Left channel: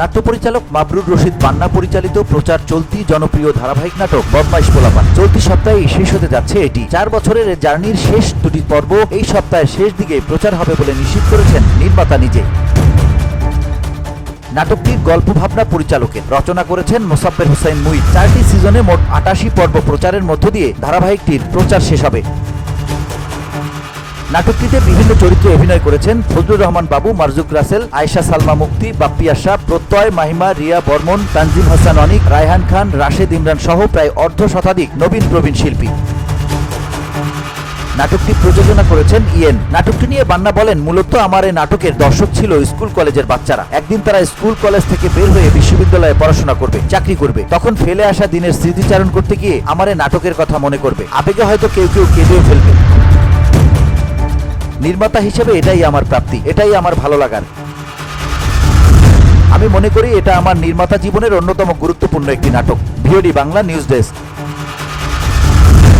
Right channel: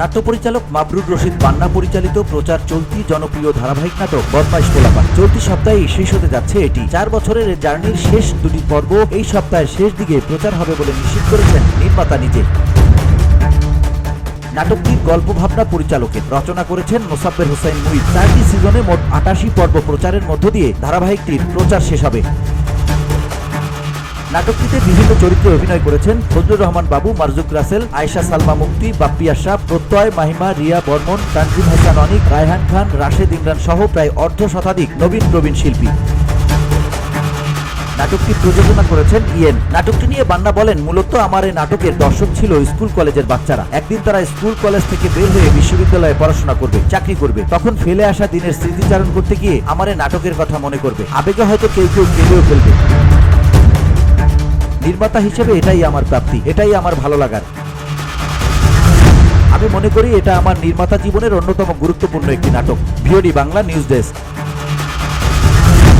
নাট্য পরিচালক মাবরুর রশিদ বান্না পরিচালিত প্রচার চলতি জনপ্রিয় ধারাবাহিক নাটক বদমাইশ পোলাপান চলতি সপ্তাহেই শেষ হতে যাচ্ছে এটি। 4 বছরের জার্নির শেষ দুটি পর্ব এই সপ্তাহের শেষ দিকে প্রচার হবে বলে নিশ্চিত করেছেন নির্মাতা নিজে। নাটকটির গল্প ভাবনা পরিচালকের, রচনা করেছেন মোসাব্বের হুসাইন মুঈদ। 4টি সিজনে মোট 88 পর্ব প্রচারের মধ্য দিয়ে ধারাবাহিকটির প্রচার শেষ হবে। নাটকটিতে বিভিন্ন চরিত্রে অভিনয় করেছেন ফজলুর রহমান বাবু, মারজুক রাসেল, আয়েশা সালমা মুক্তি, বাপ্পি আশরাফ, প্রত্যয়, মাহিমা, রিয়া বর্মন, তানজিম হাসান অনিক, রায়হান খান, রাশেদ ইমরান সহ প্রায় অর্ধ শতাধিক নবীন প্রবীণ শিল্পী। নাটকটি প্রযোজনা করেছেন ইয়েন। নাটকটি নিয়ে বান্না বলেন, মূলত আমার এই নাটকের দর্শক ছিল স্কুল কলেজের বাচ্চারা। একদিন তারা স্কুল কলেজ থেকে বের হয়ে বিশ্ববিদ্যালয়ে পড়াশোনা করবে, চাকরি করবে। তখন ফেলে আসা দিনের স্মৃতিচারণ করতে গিয়ে আমার এই নাটকের কথা মনে করবে। আবেগে হয়তো কেউ কেউ কেঁদেও ফেলবে। নির্মাতা হিসেবে এটাই আমার প্রাপ্তি, এটাই আমার ভালো লাগার। আমি মনে করি এটা আমার নির্মাতা জীবনের অন্যতম গুরুত্বপূর্ণ একটি নাটক। VOD Bangla news desk.